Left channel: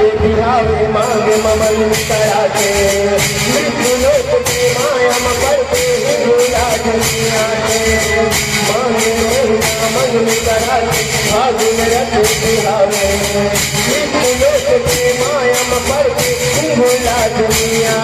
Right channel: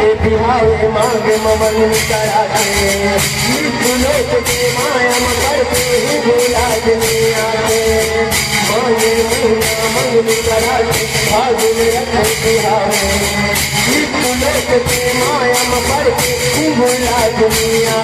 मांगे ममन कराते लोक के माया करते राज दुनिया मांगे मन कराते भाग में रखे बिहारे लोक के माया करते राज दुनिया